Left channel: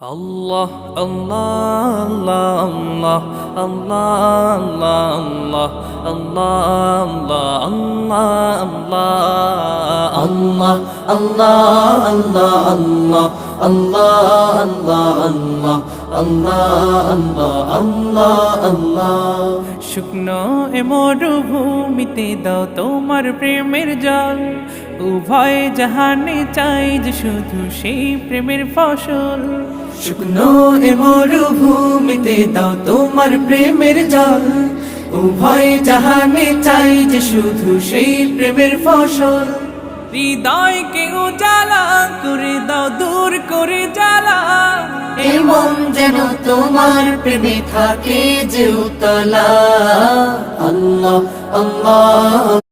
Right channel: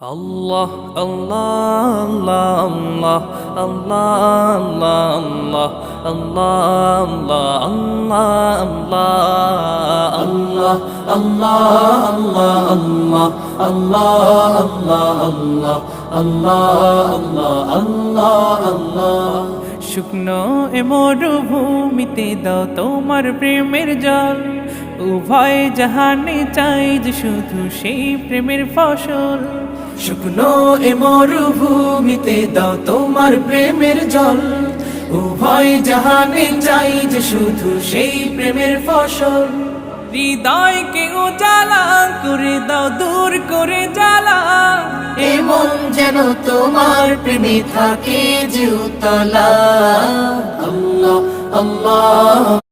আল্লাহ আল্লাহ আল্লাহ আল্লাহ আল্লাহ আল্লাহ আল্লাহ আল্লাহ আল্লাহ আল্লাহ আল্লাহ আল্লাহ আল্লাহ আল্লাহ আল্লাহ শুকনো এ মরুভূমিতে দাও তোমার প্রেমের জল উভয় জাহানে চাই যে শুধু সেই প্রেমের ফসল শুকনো এ মরুভূমিতে দাও তোমার প্রেমের জল উভয় জাহানে চাই যে শুধু সেই প্রেমের ফসল হৃদয়কে উজালা করে দাও দূর করে জ্বালা এমন যেন তোমার প্রেমে থাকে যে উতলা আল্লাহ আল্লাহ